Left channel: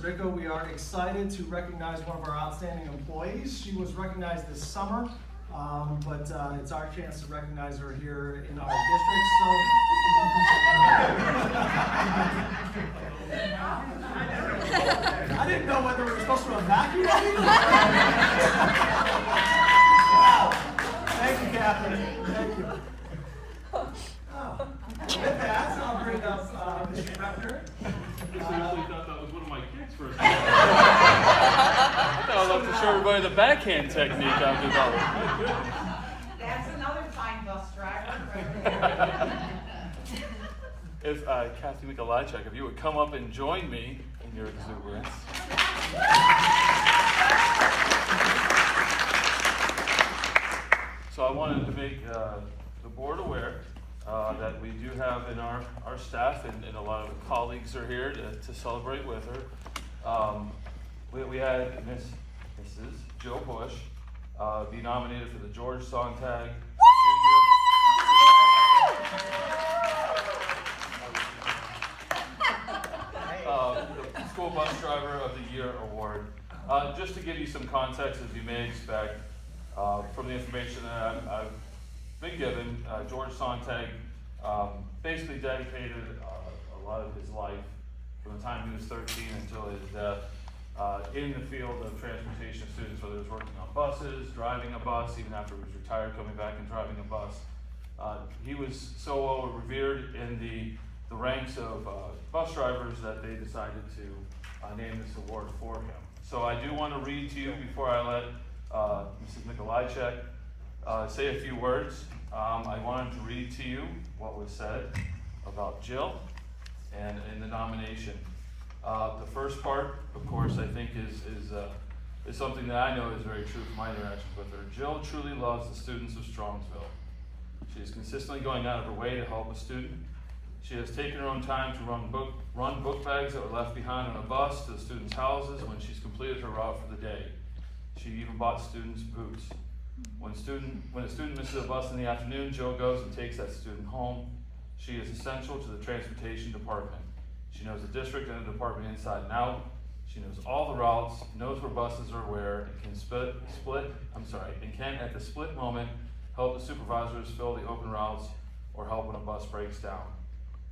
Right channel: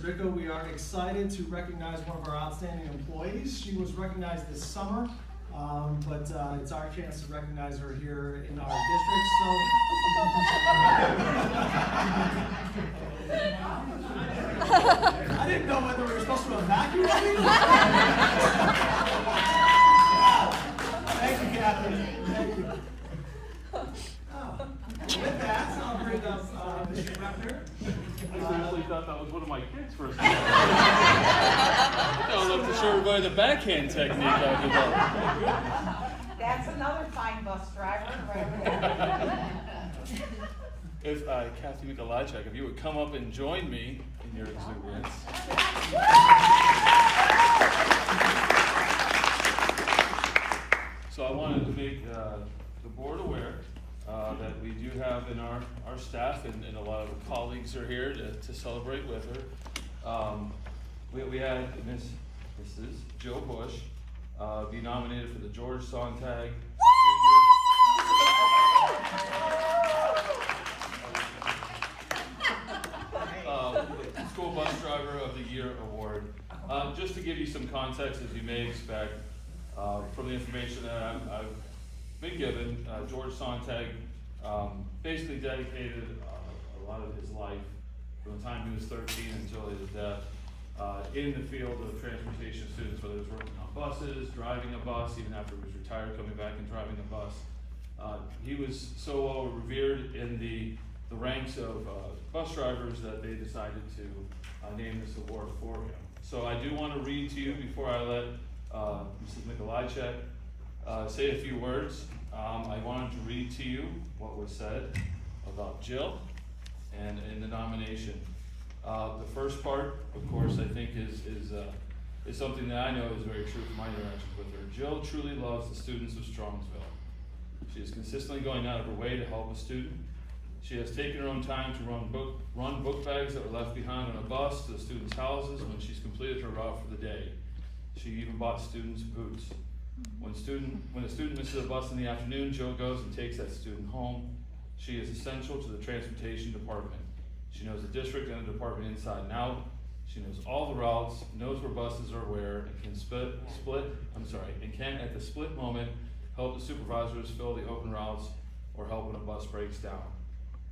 Mr. Rico, we are excited to recognize one of our outstanding employees. She was recognized this summer, but it's our chance to recognize her here in our district. I didn't know whether we were supposed to evacuate. Thank you, Catherine. Thank you. With that, I'll bring up Mr. Beckner. I actually thought that was one of my kids for a second. I thought I was about to show everybody the backhand technique I developed. That's another fine bus driver. If Kathy Mikolajczyk, if you would come up and join me in your exuberance. So I wanted to make the board aware that we do have in our staff, and a lot of colleagues are here to celebrate with her. We had Mrs. Jill Bush be nominated for the George Sontag the School Bus Driver of the Year Award. Just to give you some context, as you may expect, from the information that I've been given, George Sontag basically dedicated a lot of his life from the time he was 13 until his death in the field of transportation students, whether he was working on buses, driving a bus, even after he was retired, coming back and driving a bus. He was so well revered in the ranks of bus drivers that they decided to name this award for him. So I do want to read to you before I let Mrs. Mikolajczyk say a few words. I wanted to read to you what was said about Jill and in the nomination. The first part, of course, I think is something that I know is very true from my interactions with her. Jill truly loves the students of Strongsville. She is consistently going out of her way to help a student. She has taken her own time to run book bags that were left behind on a bus to the students' houses when she's completed her route for the day. She even bought students boots. When a student misses a bus in the afternoon, Jill goes and takes that student home. She is essential to the transportation department. She knows the district and the department inside and out. She knows all the routes, knows where buses are where, and can at the split moment help the supervisors fill the open routes or help when a bus breaks down.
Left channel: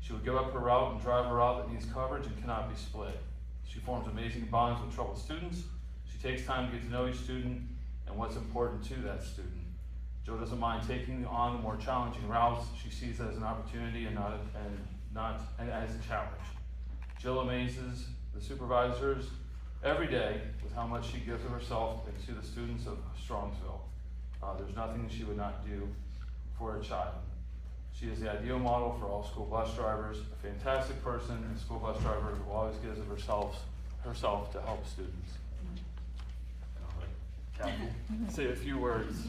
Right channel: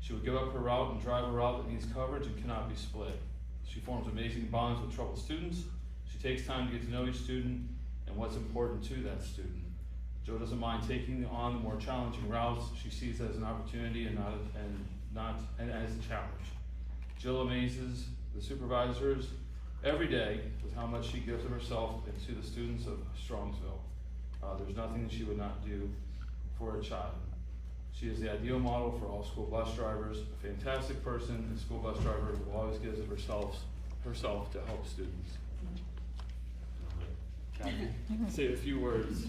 She would give up her route and drive a route that needs coverage and cannot be split. She forms amazing bonds with troubled students. She takes time to get to know each student and what's important to that student. Jill doesn't mind taking on the more challenging routes. She sees it as an opportunity and as a challenge. Jill amazes the supervisors every day with how much she gives of herself and to the students of Strongsville. There's nothing that she would not do for a child. She is the ideal model for all school bus drivers, a fantastic person and school bus driver who always gives of herself to help students. Kathy, say a few words.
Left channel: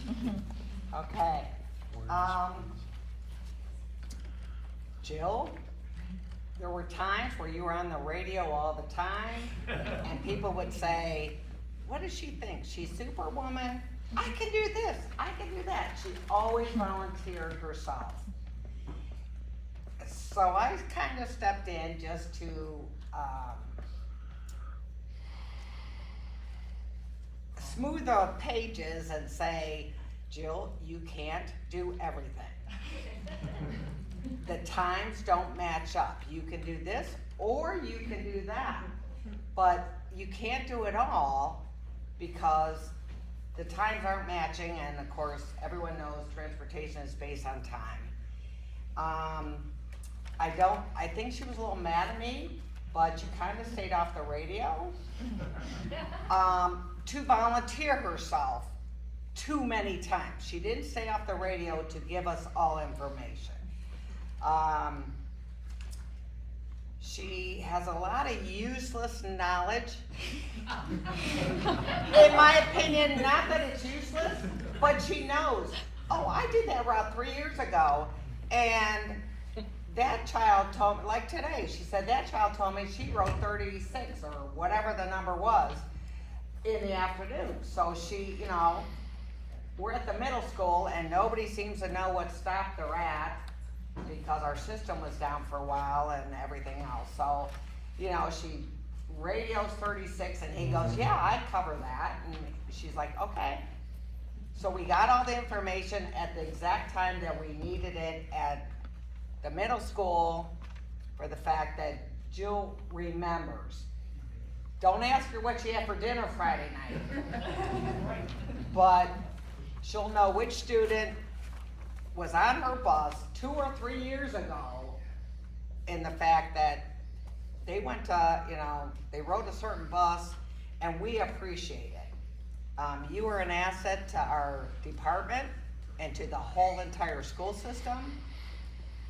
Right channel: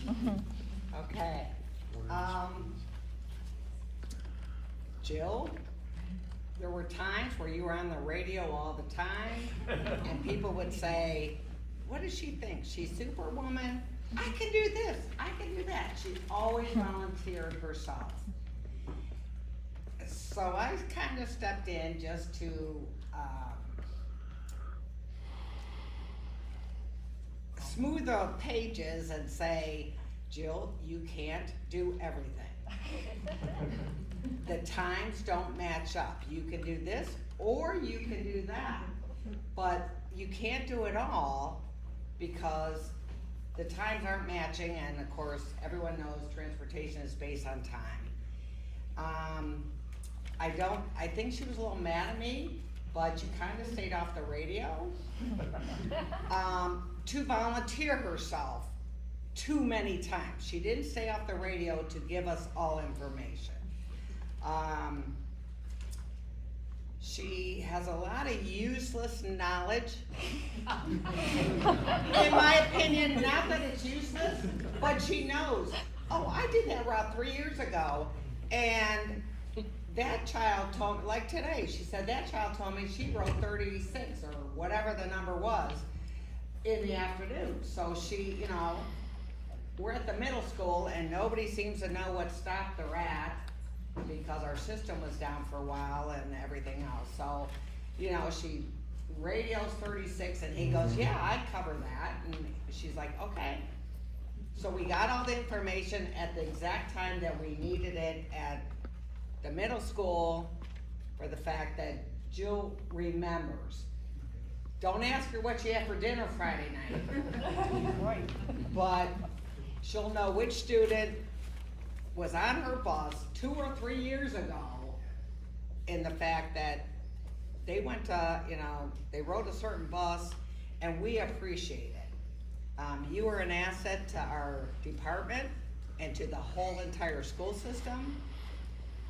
Okay. Jill, there were times where you were on the radio all the time, and people would say, what does she think? She's Superwoman? I can do this, I can do that. She always volunteered herself. So I kind of stepped in just to smooth the pages and say, Jill, you can't do everything. The times don't match up. You can do this or you can do that, but you can't do it all because the times aren't matching, and of course everyone knows transportation is based on time. I think she was a little mad at me, but she kind of stayed off the radio to volunteer herself too many times. She didn't stay off the radio to give us all information. She has a lot of useless knowledge. In my opinion, not that it's useless, but she knows, oh, I did that route 3 years ago, and that child told me, like today, she said that child told me she wrote 36 or whatever the number was in the afternoon. So she, we're at the middle school and nobody seems to know what stop they're at because our system was down for a while and everything else. So, she radio's 36, and he goes, yeah, I'd cover that, and she's like, okay. So we got all the information at the exact time that we needed it at the middle school for the fact that Jill remembers. Don't ask her what she had for dinner Friday night. But she'll know which student was on her bus 2 or 3 years ago, in the fact that they went to, they rode a certain bus, and we appreciate it. You are an asset to our department and to the whole entire school system.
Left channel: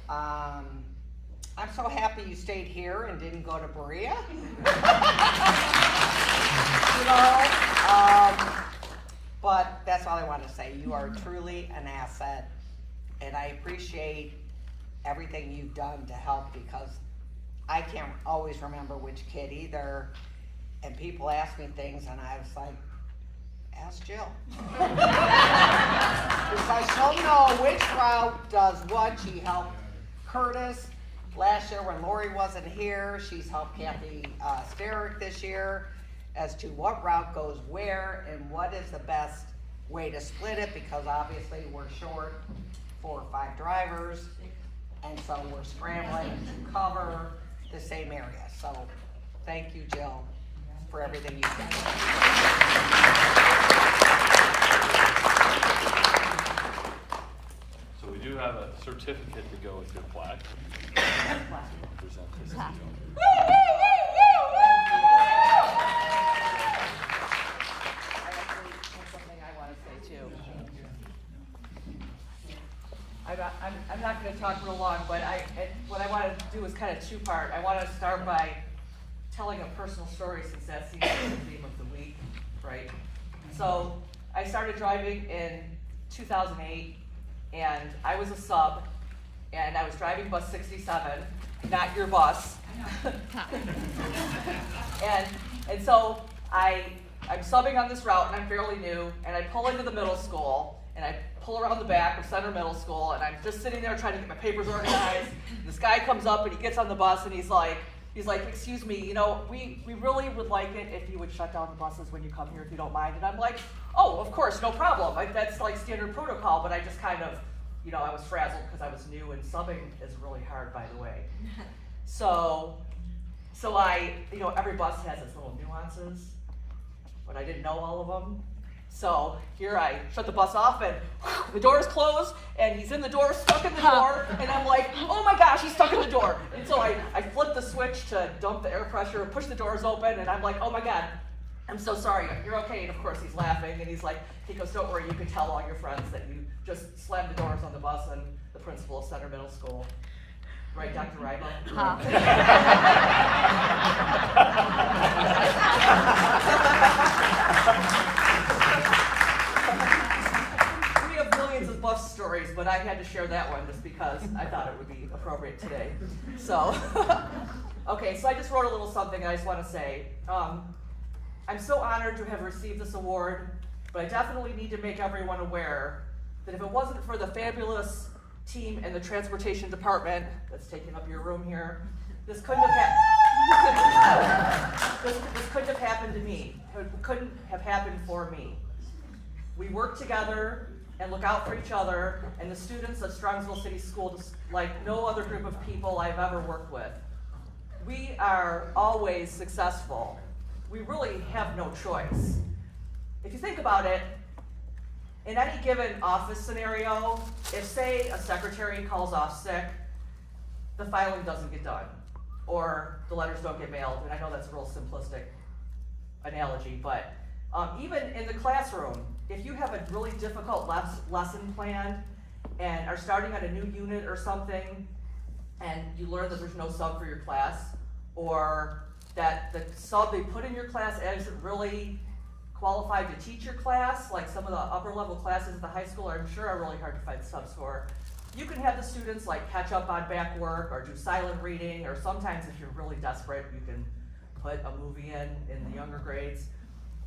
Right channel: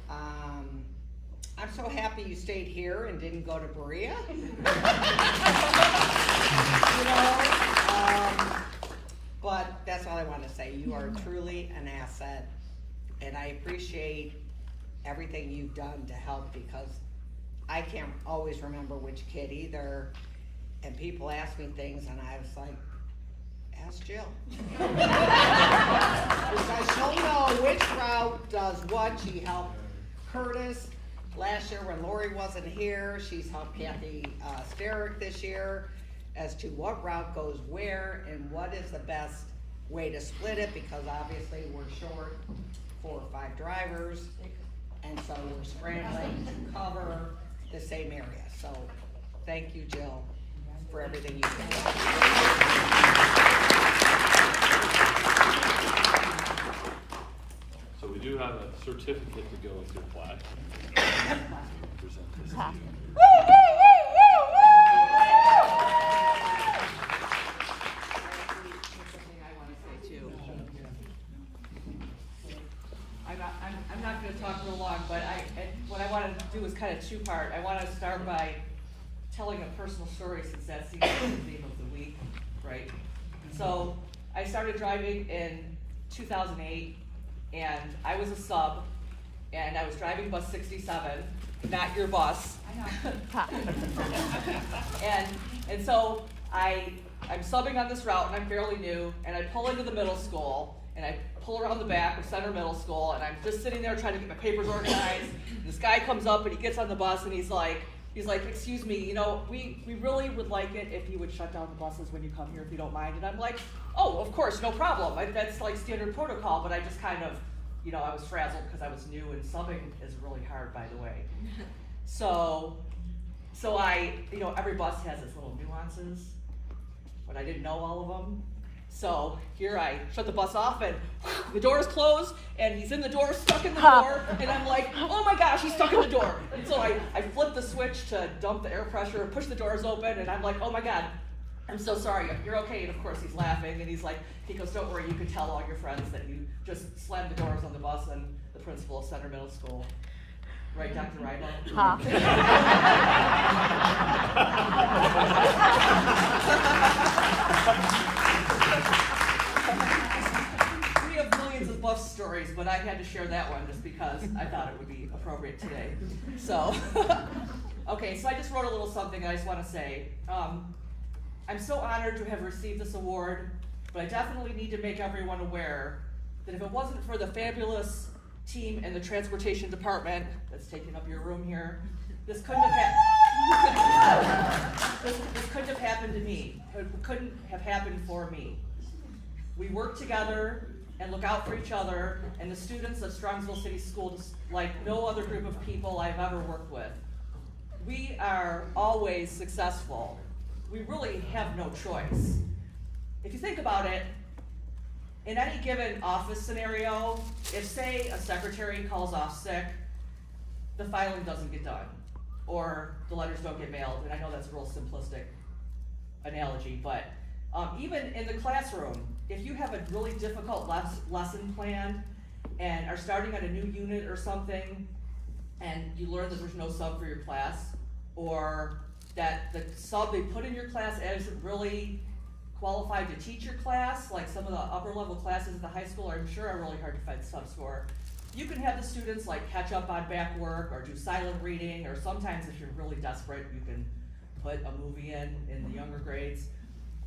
I'm so happy you stayed here and didn't go to Berea. But that's all I want to say. You are truly an asset, and I appreciate everything you've done to help, because I can't always remember which kid either, and people ask me things, and I was like, ask Jill. Because she'll know which route does what. She helped Curtis last year when Lori wasn't here. She's helped Kathy Sterick this year as to what route goes where and what is the best way to split it, because obviously we're short 4 or 5 drivers, and so we're scrambling to cover the same area. So thank you, Jill, for everything you've done. So we do have a certificate to go with your plaque. Present this to you. Something I want to say too. I'm not going to talk real long, but what I wanted to do is kind of 2-part. I want to start by telling a personal story, since that seems to be the theme of the week, right? So I started driving in 2008, and I was a sub, and I was driving bus 67, not your bus. and so I'm subbing on this route, and I'm fairly new, and I pull into the middle school, and I pull around the back of Center Middle School, and I'm just sitting there trying to get my papers organized. And this guy comes up, and he gets on the bus, and he's like, excuse me, we really would like it if you would shut down the buses when you come here, if you don't mind. And I'm like, oh, of course, no problem. That's like standard protocol, but I just kind of, I was frazzled because I was new, and subbing is really hard, by the way. So I, every bus has its little nuances, but I didn't know all of them. So here I shut the bus off, and the doors close, and he's in the door, stuck in the door, and I'm like, oh my gosh, he's stuck in the door. And so I flip the switch to dump the air pressure, push the doors open, and I'm like, oh my God, I'm so sorry, you're okay. And of course he's laughing, and he goes, don't worry, you can tell all your friends that you just slammed the doors on the bus and the principal of Center Middle School. Right, Dr. Rybo? We have millions of bus stories, but I had to share that one just because I thought it would be appropriate today. So, okay, so I just wrote a little something, and I just want to say, I'm so honored to have received this award, but I definitely need to make everyone aware that if it wasn't for the fabulous team in the transportation department that's taking up your room here, this couldn't have this couldn't have happened to me. It couldn't have happened for me. We work together and look out for each other, and the students of Strongsville City Schools like no other group of people I've ever worked with. We are always successful. We really have no choice. If you think about it, in any given office scenario, if, say, a secretary calls off sick, the filing doesn't get done, or the letters don't get mailed, and I know that's a real simplistic analogy, but even in the classroom, if you have a really difficult lesson planned and are starting on a new unit or something, and you learn that there's no sub for your class, or that the sub they put in your class isn't really qualified to teach your class, like some of the upper level classes at the high school I'm sure are really hard to find subs for. You can have the students like catch up on back work or do silent reading, or sometimes if you're really desperate, you can put a movie in the younger grades.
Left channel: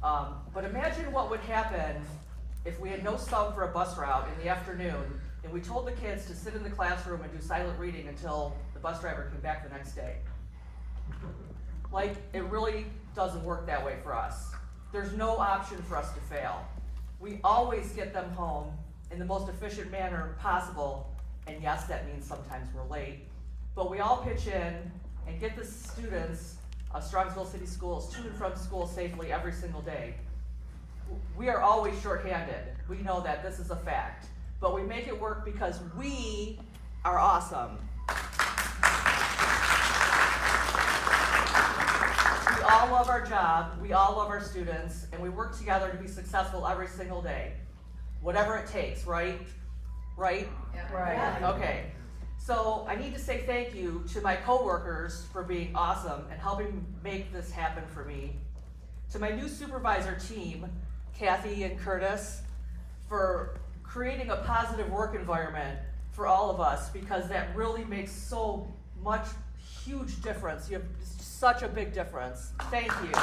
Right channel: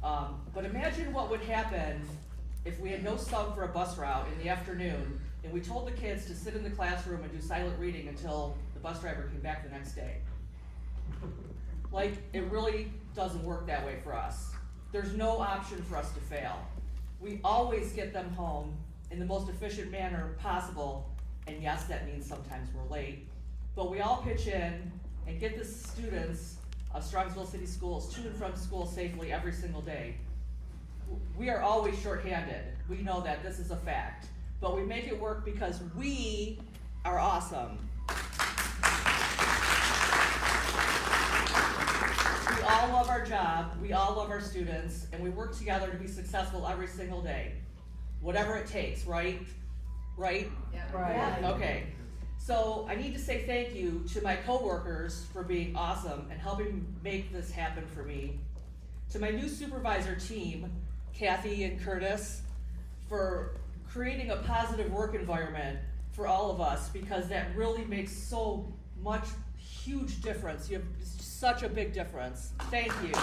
But imagine what would happen if we had no sub for a bus route in the afternoon, and we told the kids to sit in the classroom and do silent reading until the bus driver came back the next day. Like, it really doesn't work that way for us. There's no option for us to fail. We always get them home in the most efficient manner possible, and yes, that means sometimes we're late. But we all pitch in and get the students of Strongsville City Schools to and from school safely every single day. We are always shorthanded. We know that, this is a fact. But we make it work because we are awesome. We all love our job, we all love our students, and we work together to be successful every single day. Whatever it takes, right? Right? Yeah. Right. Okay. So I need to say thank you to my coworkers for being awesome and helping make this happen for me. To my new supervisor team, Kathy and Curtis, for creating a positive work environment for all of us, because that really makes so much huge difference. You have such a big difference. Thank you.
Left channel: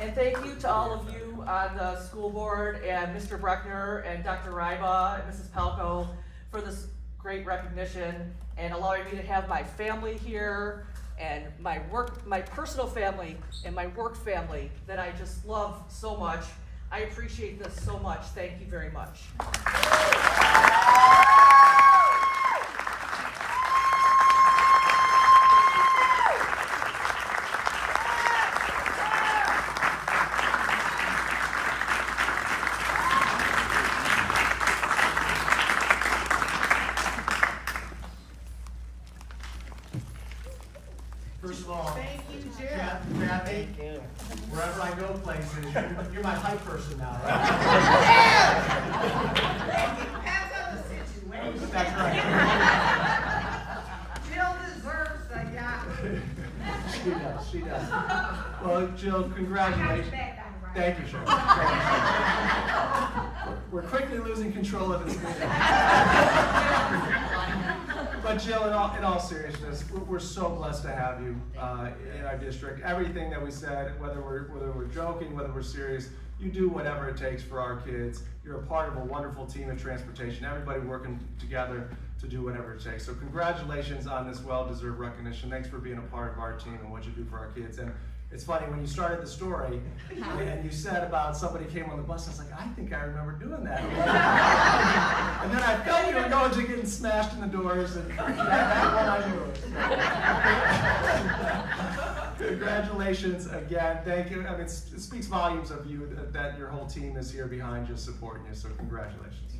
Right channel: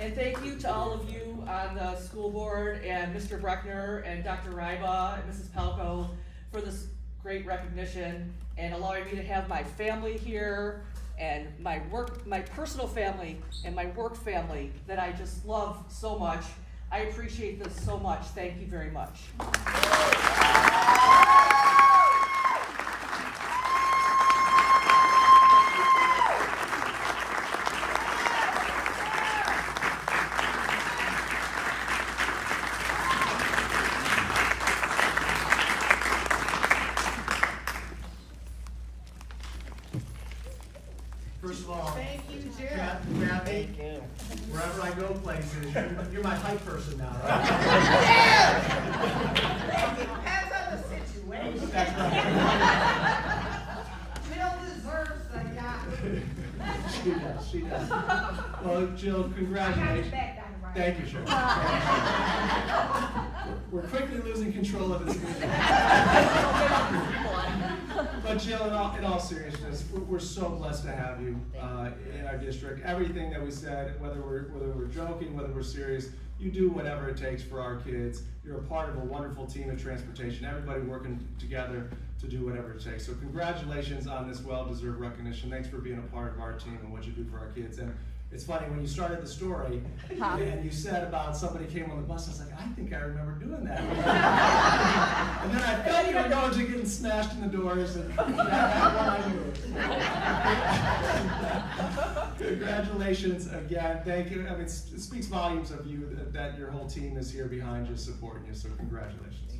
And thank you to all of you on the school board and Mr. Breckner and Dr. Ryba and Mrs. Palco for this great recognition and allowing me to have my family here and my personal family and my work family that I just love so much. I appreciate this so much. Thank you very much. First of all, Thank you, Jim. Kathy, wherever I go places, you're my hype person now, right? Depends on the situation. That's right. Jill deserves the job. She does. Well, Jill, congratulations. Thank you, Sharon. We're quickly losing control of this meeting. But Jill, in all seriousness, we're so blessed to have you in our district. Everything that we said, whether we're joking, whether we're serious, you do whatever it takes for our kids. You're a part of a wonderful team of transportation. Everybody working together to do whatever it takes. So congratulations on this well-deserved recognition. Thanks for being a part of our team and what you do for our kids. And it's funny, when you started the story and you said about somebody came on the bus, I was like, I think I remember doing that. And then I felt you were going to getting smashed in the doors, and that one I knew. Congratulations again. Thank you. I mean, it speaks volumes of you that your whole team is here behind you, supporting you. So congratulations.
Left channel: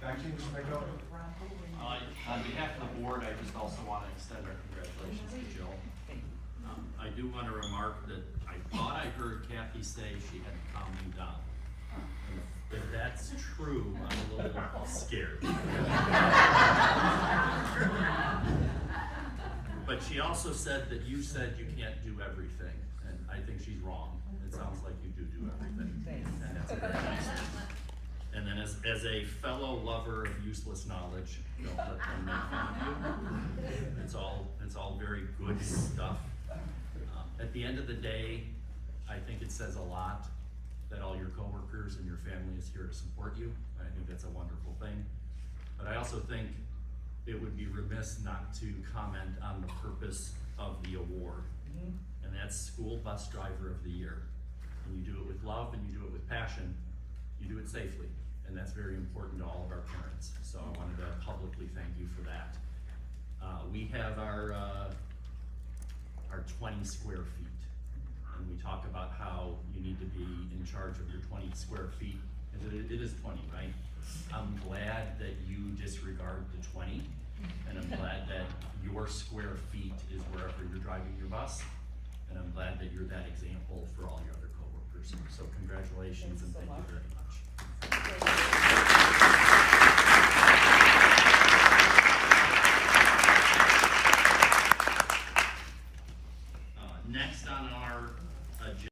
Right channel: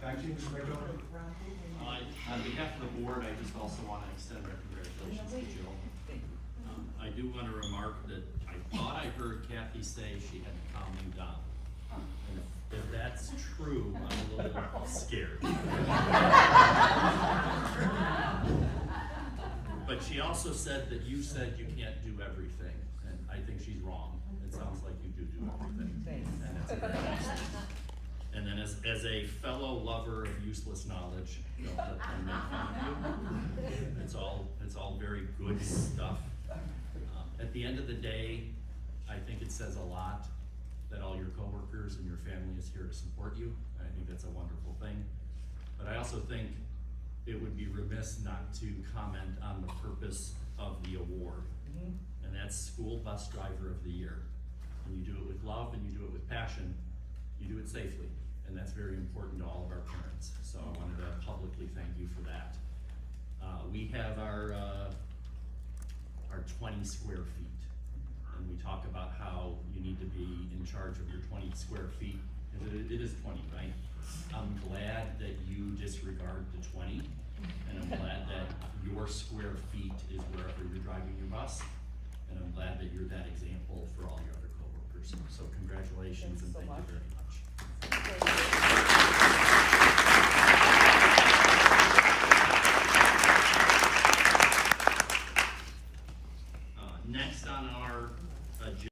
Back to you, Mr. McDowell. On behalf of the board, I just also want to extend our congratulations to Jill. I do want to remark that I thought I heard Kathy say she had to calm you down. And if that's true, I'm a little scared. But she also said that you said you can't do everything, and I think she's wrong. It sounds like you do everything, and that's a very nice thing. And then as a fellow lover of useless knowledge, don't let them make fun of you. It's all very good stuff. At the end of the day, I think it says a lot that all your coworkers and your family is here to support you. I think that's a wonderful thing. But I also think it would be remiss not to comment on the purpose of the award. And that's School Bus Driver of the Year. And you do it with love and you do it with passion. You do it safely, and that's very important to all of our parents. So I wanted to publicly thank you for that. We have our 20 square feet, and we talk about how you need to be in charge of your 20 square feet. It is 20, right? I'm glad that you disregard the 20, and I'm glad that your square feet is wherever you're driving your bus, and I'm glad that you're that example for all your other coworkers. So congratulations and thank you very much.